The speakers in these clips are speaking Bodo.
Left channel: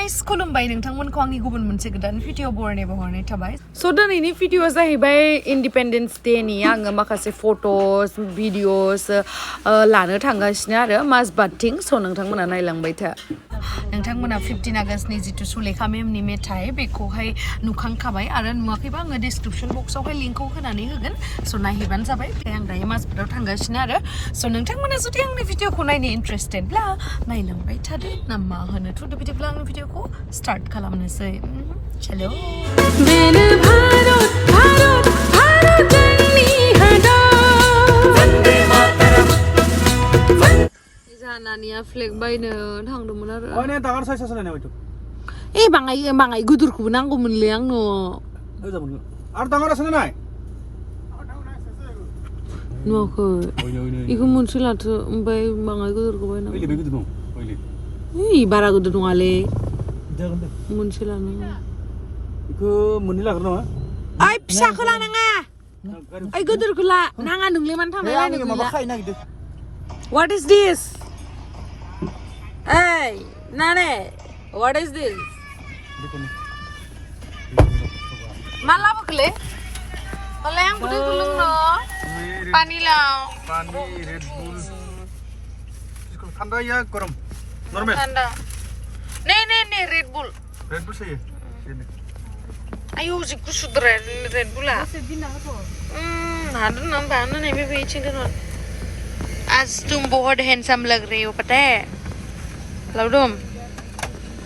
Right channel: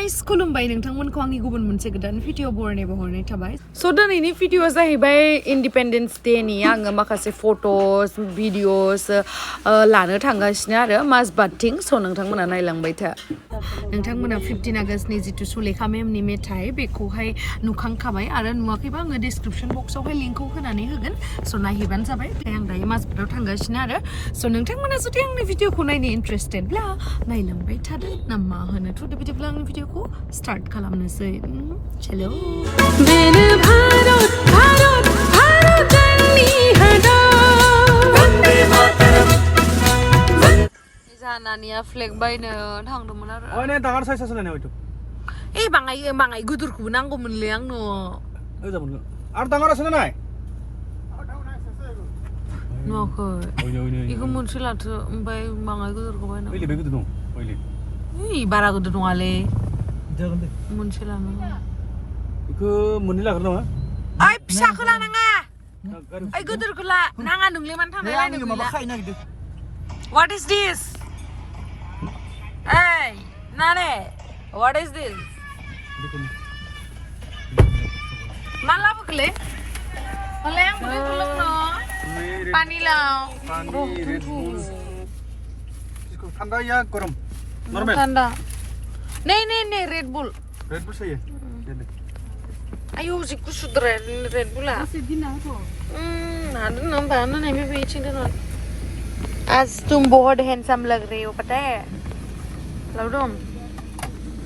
गाइस खुलुमबाय नोंथांमोनखौ आंनि गुबुन मोनसे गोदान भिडिअ बरायनाय थाबाय स' दिनैनि भिडिअआ जाहैबाय इन्डिपेन्डेन्स डेनि आङो माखासे फट'स भिडिअस लानो थांगासिनो आरो माजबादथिं स' नोंथांमोना नायलांबाय था नोंथांमोना 15 आगस्टनि जितु सुलेखा मेमनि मेथाइ बेखौहाय नुखांखाबाय आरो नुवाखैबा आङो डिसक्रिपसन बक्सआवहाय लिंकखौ होनानै होगोन स' नायहैबानो जाबाय आं दायो माजबादाव थांगासिनो आरो स' नोंथांमोना जुदि आंनि भिडिअखौ नायनो इन्टारेस्टेडब्ला नायलांबाय थादो ना मा होनो थ' बिदिब्ला आंनि भिडिअखौ स्टार्ट खालामनोसै चलो बेनो भारत भारत भारत जोंनि हादर जानानिया फ्लेग बायनो थांदोंमोन आरो अने दागार साइसा सोलायनाय हयथ' ए बाङाय गोदोरखौबो नांगौमोनलै आंनो ओइ जाबोन आरो दागारा सोलायनाय नुवाखै बेखौ मोनसे लाथो ओमफ्राय बाङाय गोदोरखौ बायनांगौ ओइले बे गोदो दं ओइले बारा गोदोर नङालै जागोन दे मोनसे लानांगौ बेखौ मोननै लागोन नामा ओइ फिसाखौ लानाङा ओइ गोदोरखौ ला नाङा नोंलाय मानो थांनो आंनि माबा खाय नागिरदों What is this? Hey, Nane, what is this? Malah bukle? Oleh yang boleh gulung no? Pani lau. Pani Red Bull. Thanda ya गरम? Normal. Thanda. Nee, Red Bull. Red Bull सही है. Ayo, जिक्ku sudah Red Bull lah. Ada nampak nih bebe cinta non. आज तुम बहुत हैंडसम लग रहे हो पता है लवडुम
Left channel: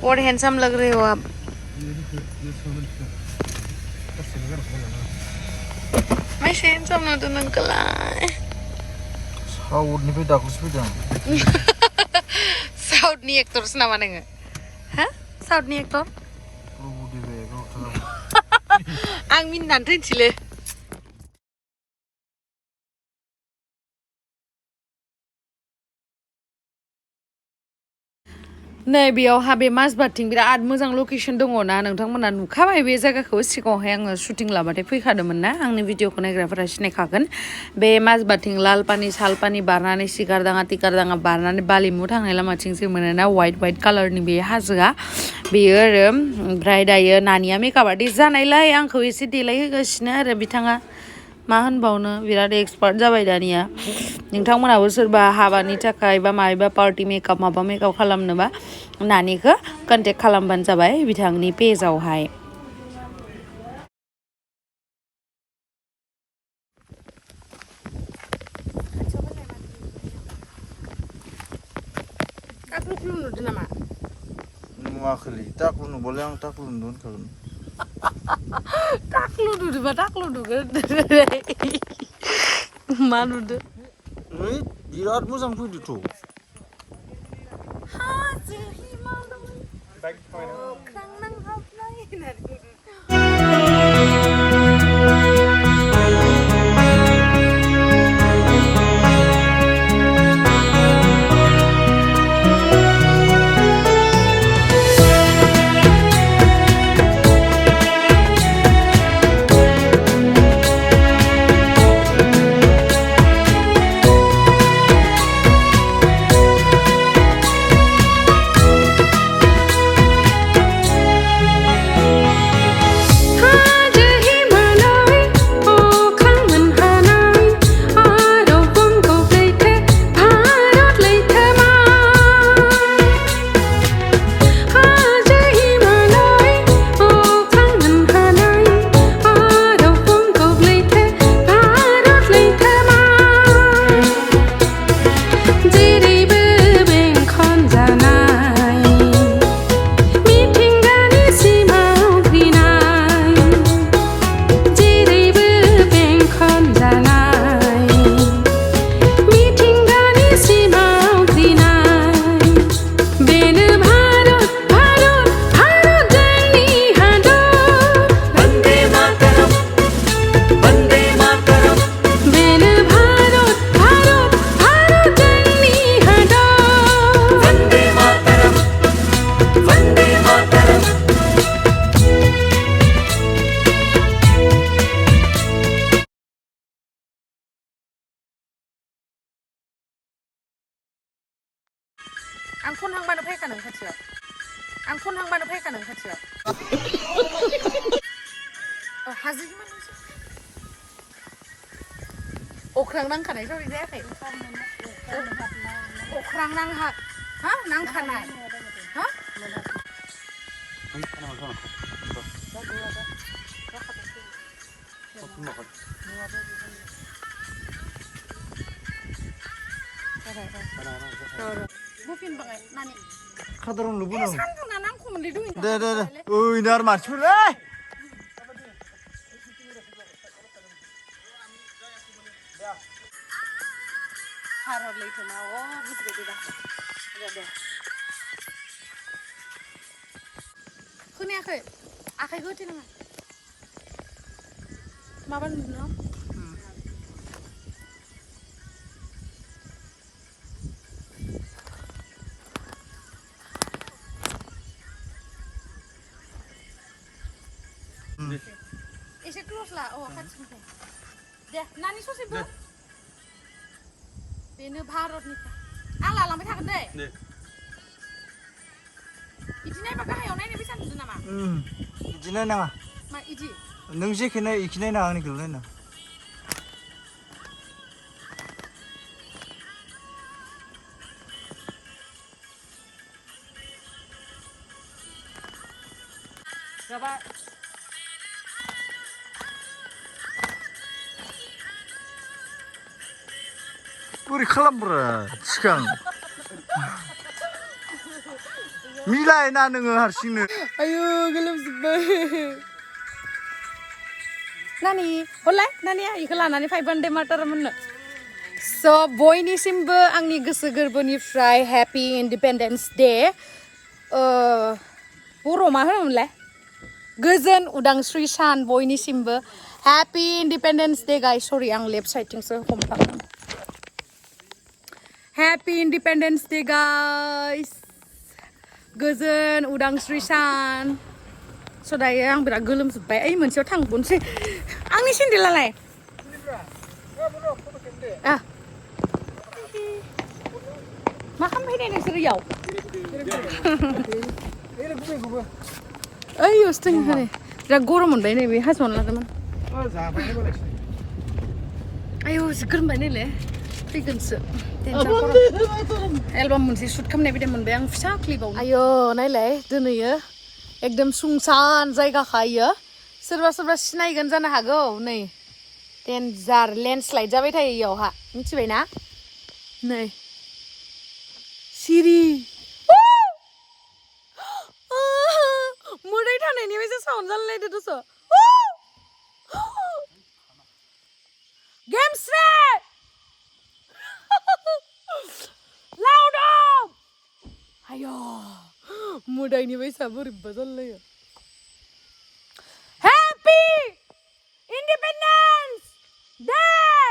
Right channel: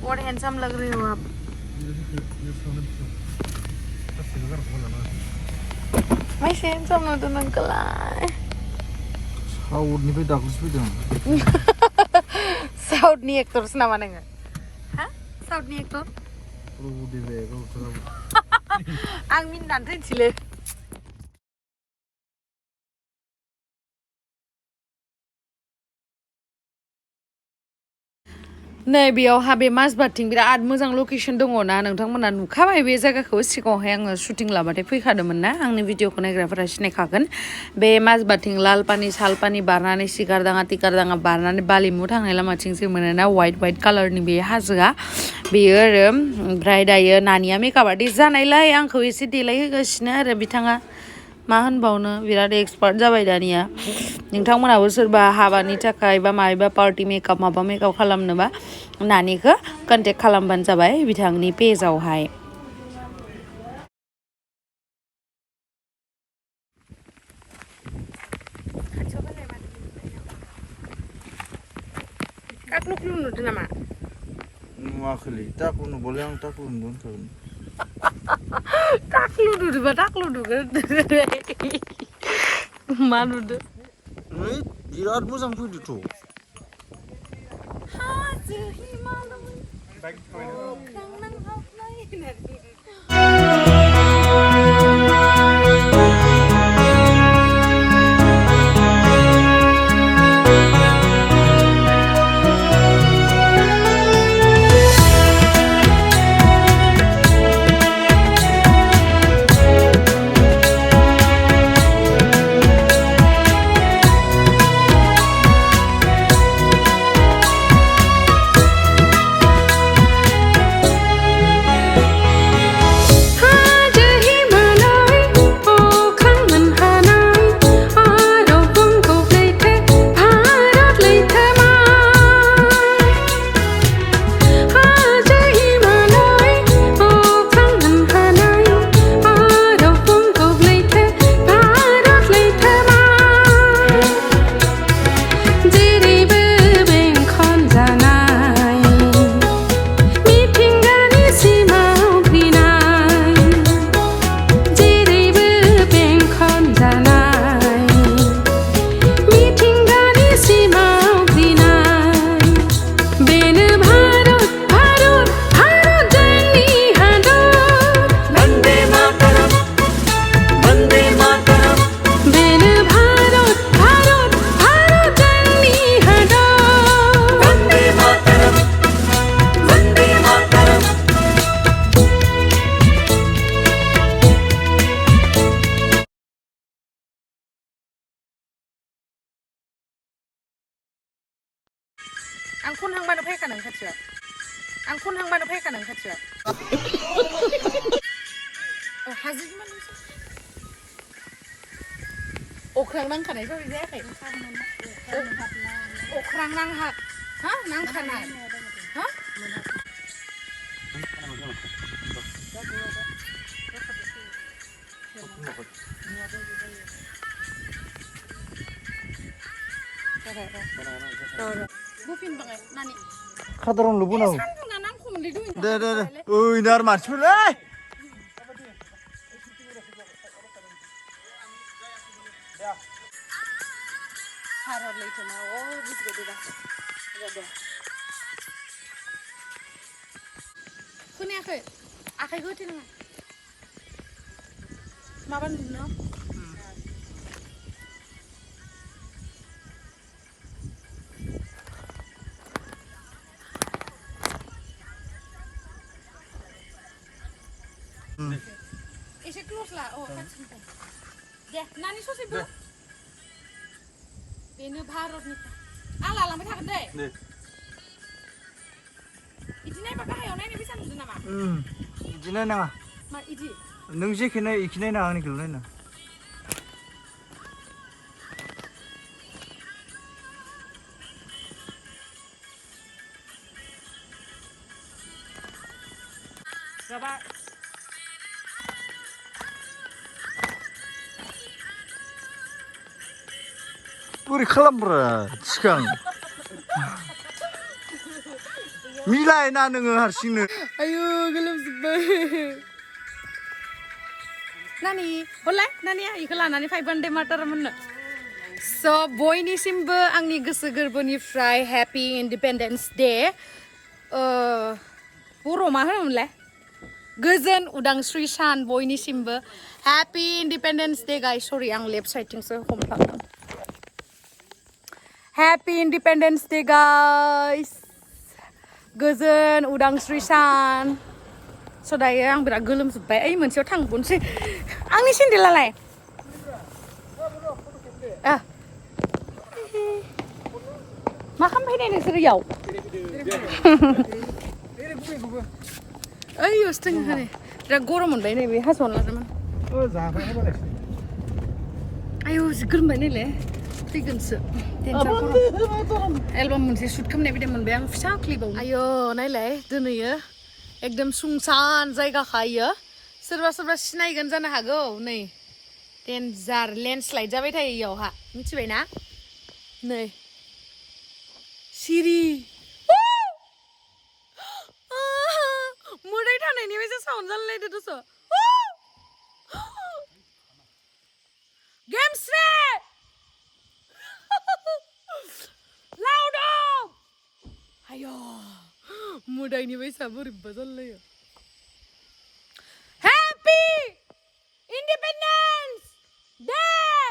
बहुत हैंडसम लग रहे हो आप मैं हैंडसम ना तो अंकल साउथ निफ्राय दाखलसो फैदों साउथनि एक्टरसो नामा नोङो हा साउथनि एक्टर आं मिनिनानै थैनोसैलै नै बेयावहा बे माजबादथिं बिराद मोजां लकेसन दङ ना नोंथांमोना नुखाबाय बे जायगाखौ सिगाङावहाय आङो शुटिं लाबाथाय फैखादोंमोन ना आंनि भिडिअखौ नायग्राफोरा सिनायखागोन बे माजबादथिं लालपानि सालपानि बारनानै सिगारदाङा टिकारदाङा बारनानै बालिमु थांनाय लामाथिं जे मोनोना वाइट कालारनि बे हाजोआ बेयो आरो ओमफ्राय दायो नानिया मेकआप आर्टिस्ट जानायलाय आंखौ एसे देलायहोगासिनो आरो बिथाङा मा होनबावनो बिराद एक्सपार्ट जाबाय दानिया नोंथांमोनाबो सोरबा हाबानि थाखाय बा माबा पार्टि मेकआप माबा मेकआप खालामनोबा नानिखौ कन्टेक्ट खालामबानो जाबाय बिथांनि पेजआवहाय टाक्लुक्लु नुदों नामा नुवाखैलै टाक्लु नुबालाय आं टाक्लु नुदों होनखागोन टाक्लु नुदोंबा टाक्लु नुगोन मा नुदों बिराद मोजां फैदोंथ' हाजो हिमालय अख्रां नांहाबनाय आं खनहांबानो फैखादों खाथियाव आं คนทางบ้านเอาให้กันหนังคัดเชียว하지 말라서 오크랑 낭 카나이 소리 내게 오크랑 낭 하, 하? 낭 카나이, 하? 무핀 방에 나니 카드론 루브나 산도 나랑 코면 리도인다 네네네 어이 날 맞출래? Harap later na. Oh, bisa beda. Ada deh. Kuni akai, akai gue tina. Mapan no? Isi close lah. Oh, kan simpen. Deh, nani so sih bu? Ini Bharat nih. Ala alam kita kan deh. Iji nih pakai hayau nih bisa nih nama. 이지네 나가 Ma iji. 능시 그네 이지네 나가니 그러네 Coba. 뿌리 칼람브라 지강 미라에 나는 할 수 있는 Ayo, gelap sebel. Nani, boleh? Nani ya, iklan nani 500 meter mana? So, boy ni simba angni goso gorboni fry Happy Independence Day. Puro mah boleh? Gozen udang Sri Shan boy ni simba Happy Independence Day guys. Sorry, ang left side ting so kompak. Happy Independence Day guys. Gozen udang Sri Shan. Saudara yang berat gelem sebab ai moनसेयाव थांबोनसै आंनि सेन्देलालाय मा खालामफैनाय नोंसोर इयाव ओइ अस्थिं होनो जा गरम मोनबाय नै बे हाजोआव लादोंमोन आयौ जि गोरमबाय नैले फैगोनसो एलबाम मोनसे शुट खालामनाय बायदि मोनबाय आं फिसा क्लिपाव आयौ नायलाय दोनैयो एकदम सुंसान जायगा खायो सोरबा सोरबा सिनायगोन जानो हागौ नै डेन्जार लेन्डस्लाइड जाबाय थायो इयावहा मिथिबाय ना नै सिरि मोदै थानायनि बायदि साउन्ड जालायलायदो दस' गेमस्रि लाउड आयौ मोदायनि बायसा बोरैबा जालायो Happy Independence Day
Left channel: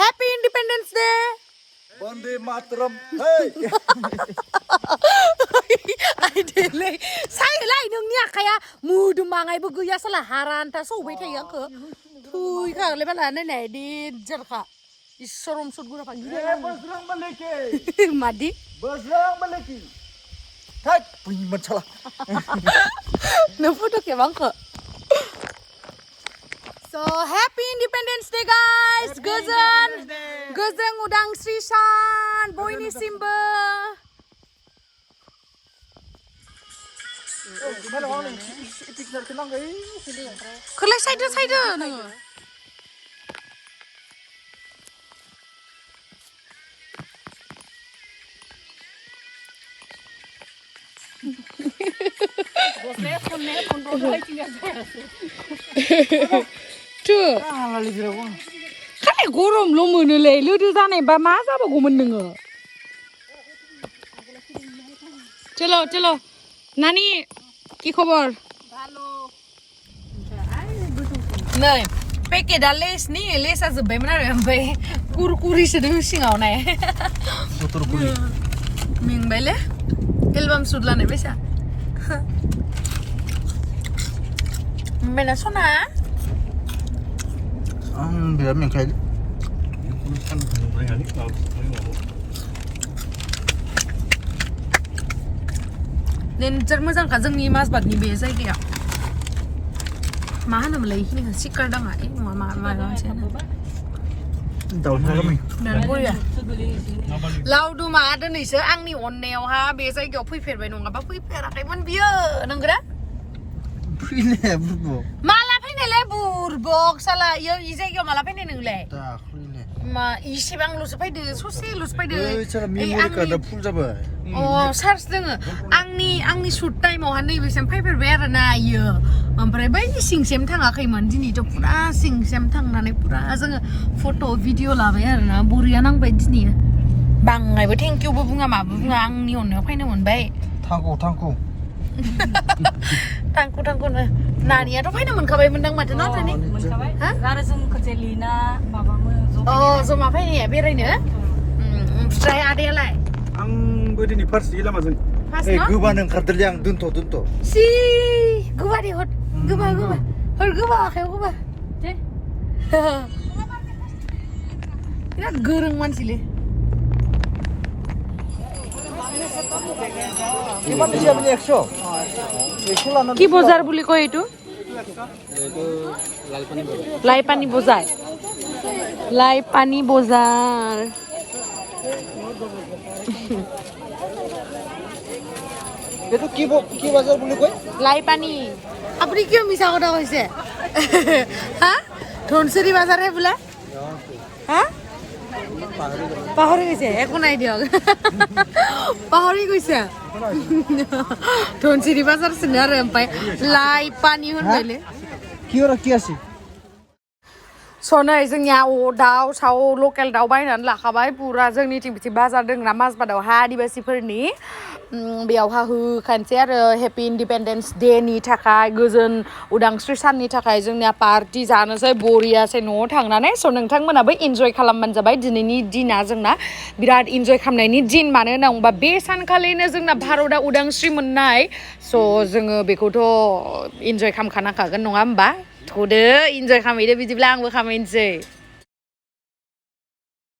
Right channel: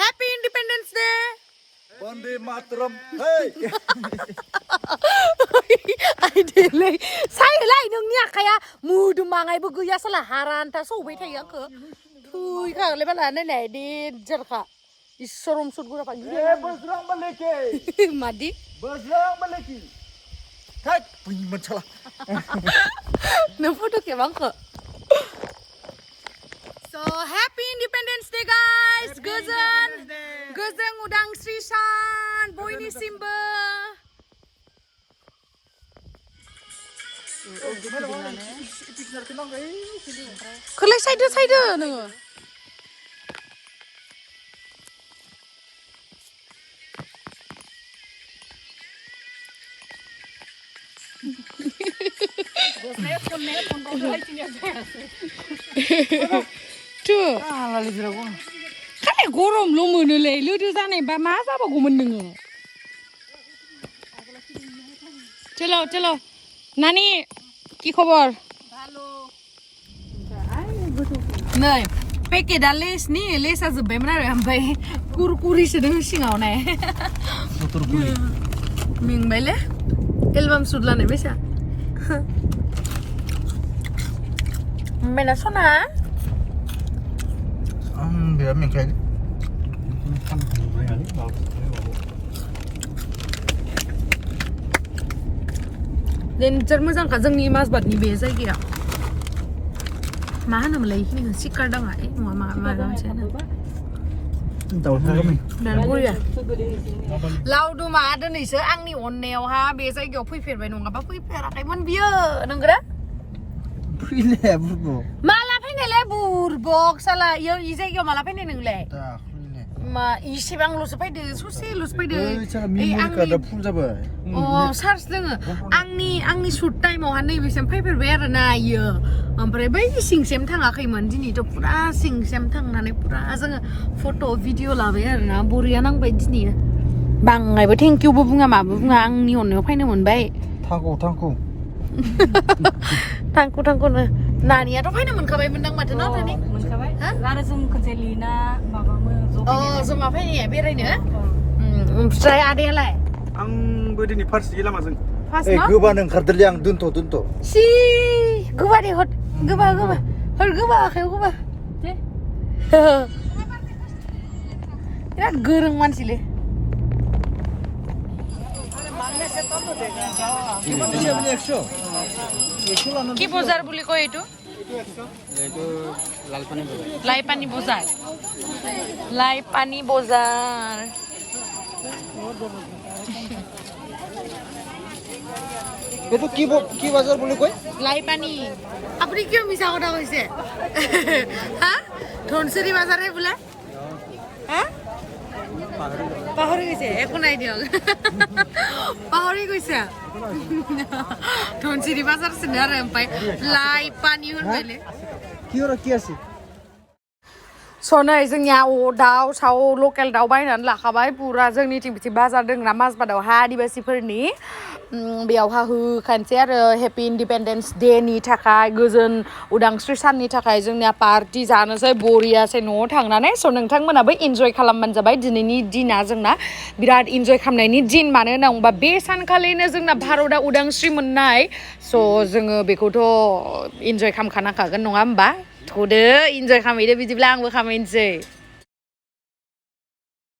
Happy Independence Day Bande Mataram hey Aduh saya lah nungnya kayak mudu mangai beguya salah haranta so wait ya ke tuh kan lebih lah nenek di jerka Isorom sud gua pagi deh. Berserang meleki. Madi. Berserang meleki. Hai, punya masalah. Nampak tu kayak bangka. So Happy Independence Day guys. Gozen udang Sri Shan. Boy ni Simba. Kelai side nengok. Tuh. Kayak gorom lo menilai lu tu sana ba masa apa gomen dengar. Chalo. Nani, ki khabar? Bhalo. Nai, peke dah les ni, les aja benar sampai kurkuri sedang singau nai. Ming bela? Kelbam sudlah ni biasa. Mana sona? Dia main kayak डेन्जार मोजांखा जोंनि माजबादनि बे जायगायाव मा होनोमोनलाय इखिनिखौ सिकार दाङा नङा माबा मोनसे होनो दानबरिया लावदुमा दिनैसो आंनि अननायावहा बे जायगायाव फैफेरबाय नङाबा फैफेराखैमोन बियो नंगौना फैले बुरबो माला फैनायलाय बुरबक साला इयो इ जायगायाव माला फैनाय नोंलाय दाखैले मा इसेबांल'सो फैदो ससेल'सो फैदो साला मेम'रि कार्डआ फुल जाबाय अ चार्ज दोङो आंनि शुट टाइमावहा नैबेसिम फैफेरबाय आरो ना इयो ओमफ्राय बै सिंसिम थाङाखैमोन दिनैथ' पुरा सिंसिम थांनानै पुरा जोङो फट' भिडिअ लाबाय आरो ना बरिया नांबाय दिनै बाङायबो थेंक इउबो बुङा माबो बुङा आंनि अननायाव फैनो मोनबाय थांखौ थांखुनो नानियाथ' फैनो मोनखाबायमोनदां माथो नाथाय मोनखाबाय आरो जों खनसे लिना माबामो जमा फैनाया बेरायनो ओमफ्राय आदायालाय आंबो दिनै फार्स्ट लामाजों गोबानो ओंखारदोलै आं दोनथ' सि गोबा दे हर गोबा आखायाव गोबा बिराद गोरों मानसिलै কি বজাৰ বুলি কয় এইটো লাইপানী বজাৰ এইটো কি বাজাৰ বুলি কয় লাইপানী আপুনি কিয় মিছা কথা কৈছে হা ধনচিৰি বাজাৰহে বোলে হা পাহৰি গৈছে একো নাই দিয়ক পাহৰি গৈছে ধনচিৰি বাজাৰ চিনি আৰু ओमफ्राय लाइपानी होनबायले কি আছে सनै जोंनिया दाउ साव लकेल दाउ बायनानै लाखाबाय पुरा जोंनिथिं बिथिं बाजार दंना माजबादावहा आदिबासिफोरनि बेयावहा होखानोसै आरो हेपि इन्डिपेन्डेन्स डे नि थाखाय गोजोन उदांस्रि साननि थाखाय जोंनिया पार्टि जानोसै बरियासै न'आव थांनानै स' नोंथांमोनाबो इन्जय खालामबानो जाबाय दिनैनि दिना जोंना बिराद इन्जय खालामनायनि दिन मानो होनना बुंबा बे सानखालिनो जोंना भारतआ उदांस्रि मोननाय स' जोङो बेखौथ' इन्जय खालामखानांखागोन नङा होमबा थ'दो इन्जय खालामहैदो बिदिब्ला आंबो खालामहैनोसै